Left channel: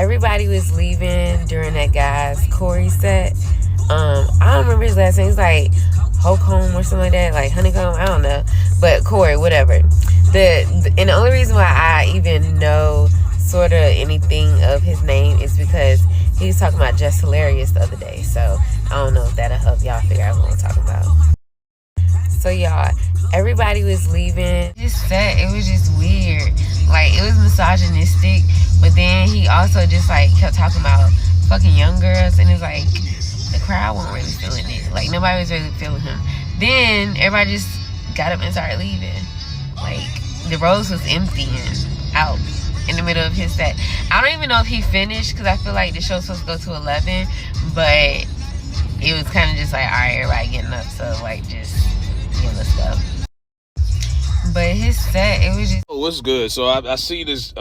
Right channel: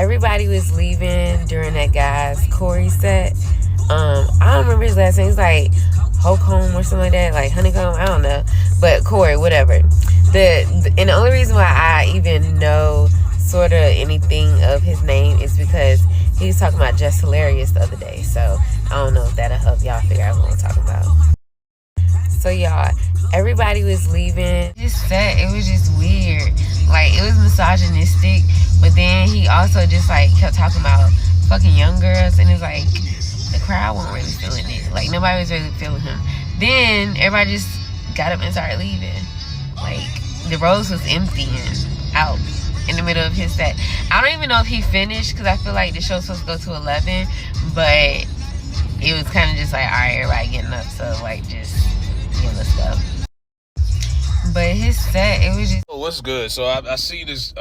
everybody was leaving during that guy's Corey set. I don't remember his last name. He's like Holcomb or something like that, like Honeycomb. I don't know, but Corey, whatever. And the only reason why I even know sort of anything of his name is because he was talking about Just Hilarious the other day. So I don't know if that'll help y'all figure out what I'm talking about. So y'all, everybody was leaving. Just said it was just weird. Like, it was misogynistic, but then he also just like kept talking about fucking young girls, and it was like the crowd wasn't really feeling it. Like, nobody was really feeling him. Then everybody just got up and started leaving. Like, the rows was emptying out in the middle of his set. I don't even know if he finished, because I feel like the show's supposed to go to 11, but it was kind of just like, all right, everybody getting up, so like, just, yeah, let's go. But his set, it was just... Oh, what's good? So I see this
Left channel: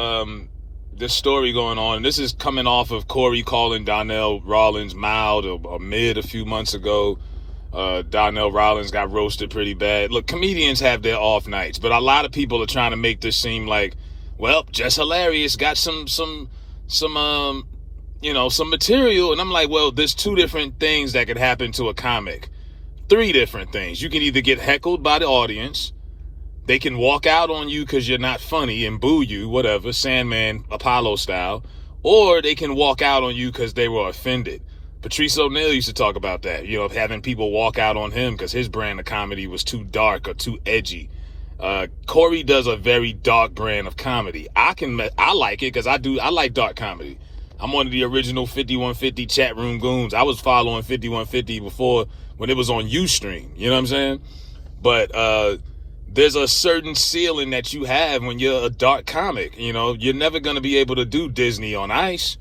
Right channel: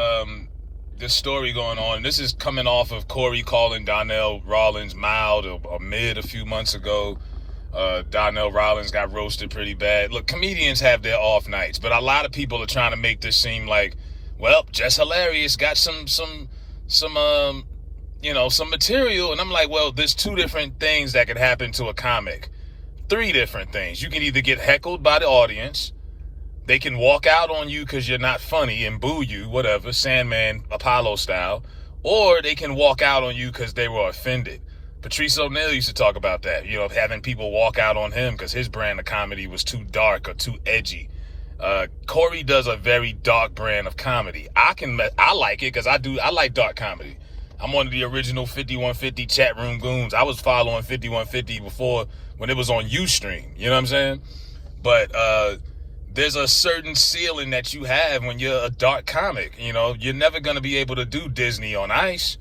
this story going on. This is coming off of Corey calling Donnell Rawlings mild or mid a few months ago. Donnell Rawlings got roasted pretty bad. Look, comedians have their off nights, but a lot of people are trying to make this seem like, well, Just Hilarious got some material. And I'm like, well, there's two different things that could happen to a comic. Three different things. You can either get heckled by the audience. They can walk out on you because you're not funny and boo you, whatever, Sandman, Apollo style. Or they can walk out on you because they were offended. Patrice O'Neal used to talk about that, having people walk out on him because his brand of comedy was too dark or too edgy. Corey does a very dark brand of comedy. I like it because I like dark comedy. I'm one of the original 5150 chat room goons. I was following 5150 before when it was on Ustream. You know what I'm saying? But there's a certain ceiling that you have when you're a dark comic. You're never going to be able to do Disney on Ice.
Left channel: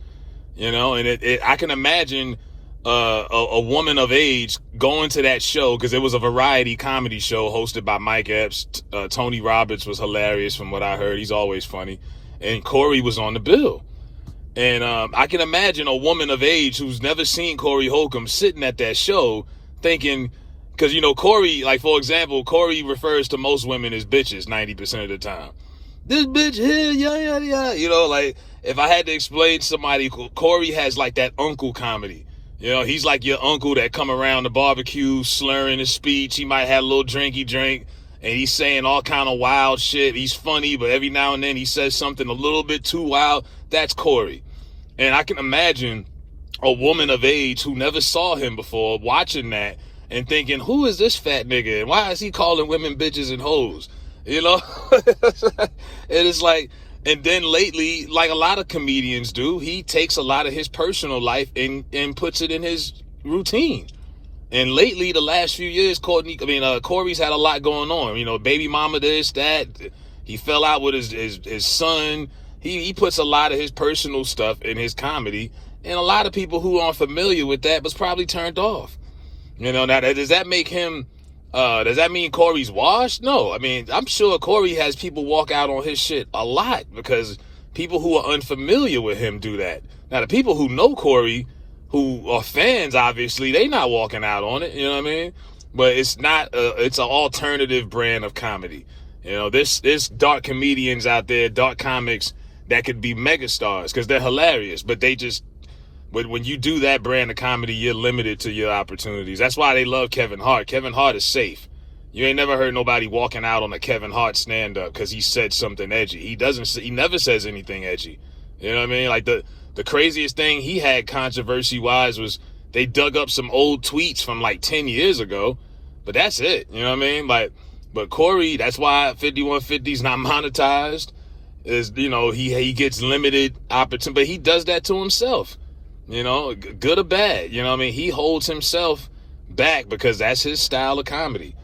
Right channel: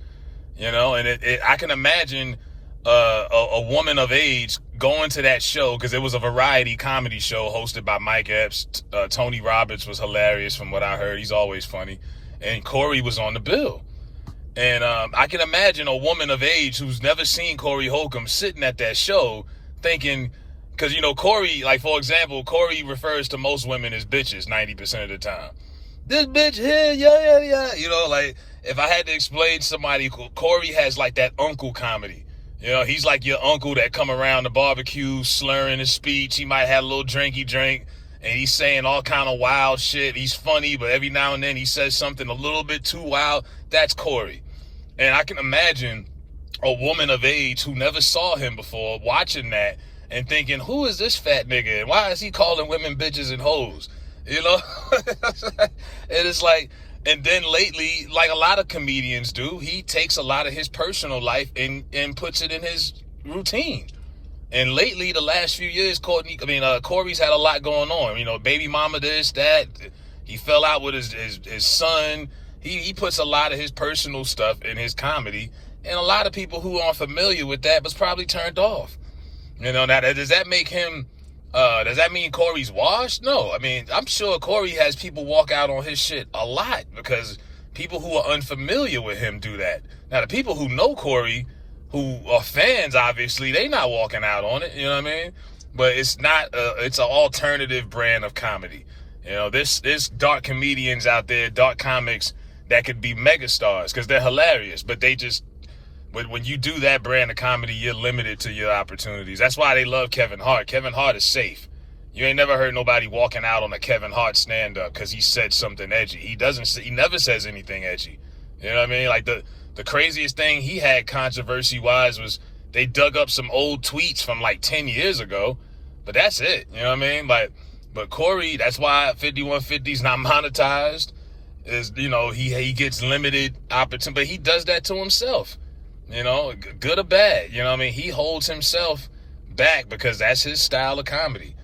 And I can imagine a woman of age going to that show, because it was a variety comedy show hosted by Mike Epps. Tony Roberts was hilarious from what I heard. He's always funny. And Corey was on the bill. And I can imagine a woman of age who's never seen Corey Holcomb sitting at that show thinking, because, Corey, like, for example, Corey refers to most women as bitches 90% of the time. This bitch here, yeah. Like, if I had to explain to somebody, Corey has, like, that uncle comedy. He's like your uncle that come around the barbecue slurring his speech. He might have a little drinky drink, and he's saying all kind of wild shit. He's funny, but every now and then he says something a little bit too wild. That's Corey. And I can imagine a woman of age who never saw him before watching that and thinking, who is this fat nigga? And why is he calling women bitches and hoes? And it's like, and then lately, like a lot of comedians do, he takes a lot of his personal life and puts it in his routine. And lately, the last few years, Corey's had a lot going on. Baby mama this, that. He fell out with his son. He puts a lot of his personal stuff in his comedy. And a lot of people who aren't familiar with that was probably turned off. Now, does that make him, does that mean Corey's washed? No. I'm sure Corey has people walk out on his shit a lot because people who are unfamiliar with him do that. Now, the people who know Corey, who are fans, obviously, they not walking out on it, you know what I mean? But it's not, it's an alternative brand of comedy. There's dark comedians out there, dark comics that could be megastars because they're hilarious, but when you do that brand of comedy, you're limited to your opportunities. That's why they love Kevin Hart. Kevin Hart is safe. You ain't never heard nobody walking out on a Kevin Hart stand-up because he said something edgy. He never says anything edgy. You know what I mean? Like the craziest thing he had controversy-wise was they dug up some old tweets from like 10 years ago, but that's it. You know what I mean? But Corey, that's why 5150's not monetized. Is he gets limited opportunity, but he does that to himself. Good or bad, he holds himself back because that's his style of comedy.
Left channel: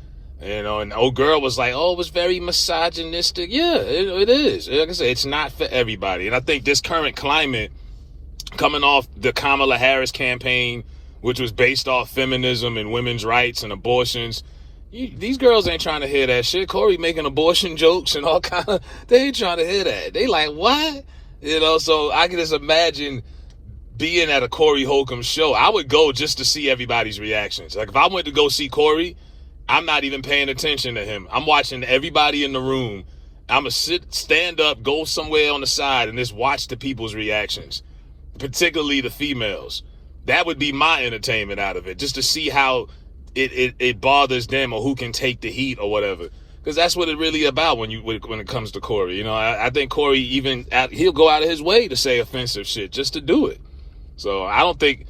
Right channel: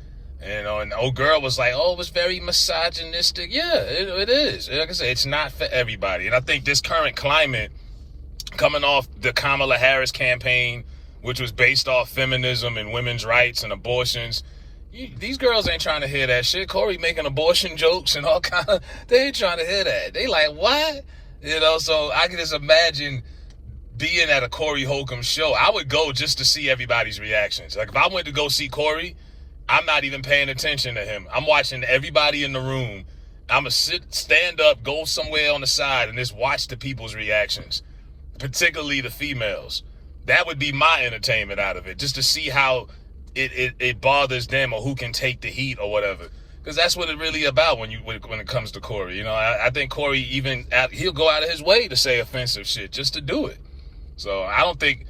And old girl was like, oh, it was very misogynistic. Yeah, it is. Like I said, it's not for everybody. And I think this current climate, coming off the Kamala Harris campaign, which was based off feminism and women's rights and abortions, these girls ain't trying to hear that shit. Corey making abortion jokes and all kind of, they ain't trying to hear that. They like, what? So I can just imagine being at a Corey Holcomb show. I would go just to see everybody's reactions. Like if I went to go see Corey, I'm not even paying attention to him. I'm watching everybody in the room. I'm going to stand up, go somewhere on the side, and just watch the people's reactions. particularly the females. That would be my entertainment out of it, just to see how it bothers them or who can take the heat or whatever. Because that's what it really about when it comes to Corey. You know, I think Corey he'll go out of his way to say offensive shit just to do it. So I don't think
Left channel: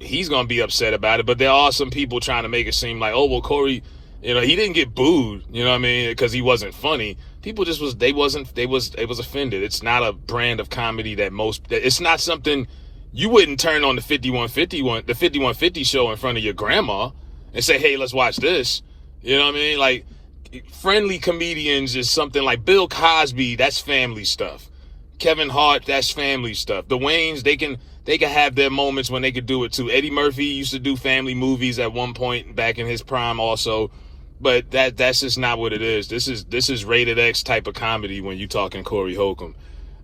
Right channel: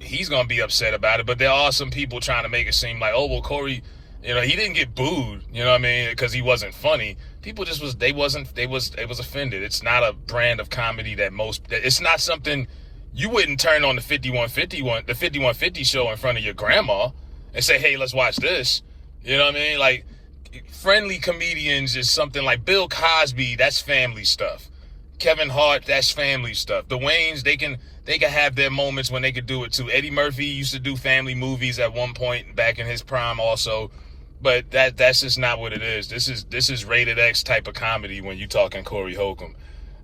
he's gonna be upset about it. But there are some people trying to make it seem like, oh well, Corey, you know, he didn't get booed. You know what I mean? Because he wasn't funny. People just was offended. It's not a brand of comedy it's not something you wouldn't turn on the 5150 show in front of your grandma and say, hey, let's watch this. You know what I mean? Like, friendly comedians is something like Bill Cosby, that's family stuff. Kevin Hart, that's family stuff. The Wayans, they can have their moments when they could do it too. Eddie Murphy used to do family movies at one point back in his prime also. But that's just not what it is. This is rated X type of comedy when you talking Corey Holcomb.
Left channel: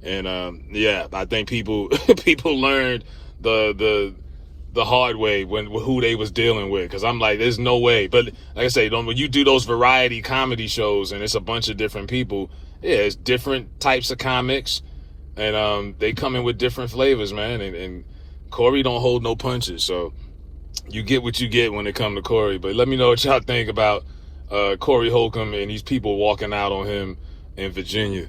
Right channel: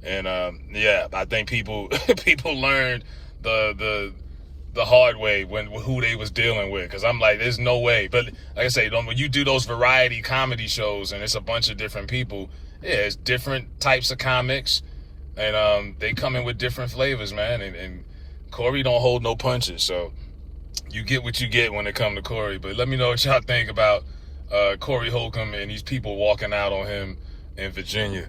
And I think people learned the hard way when who they was dealing with. Because I'm like, there's no way. But like I say, when you do those variety comedy shows and it's a bunch of different people, yeah, it's different types of comics, and they come in with different flavors, man. And Corey don't hold no punches, so you get what you get when it comes to Corey. But let me know what y'all think about Corey Holcomb and these people walking out on him in Virginia.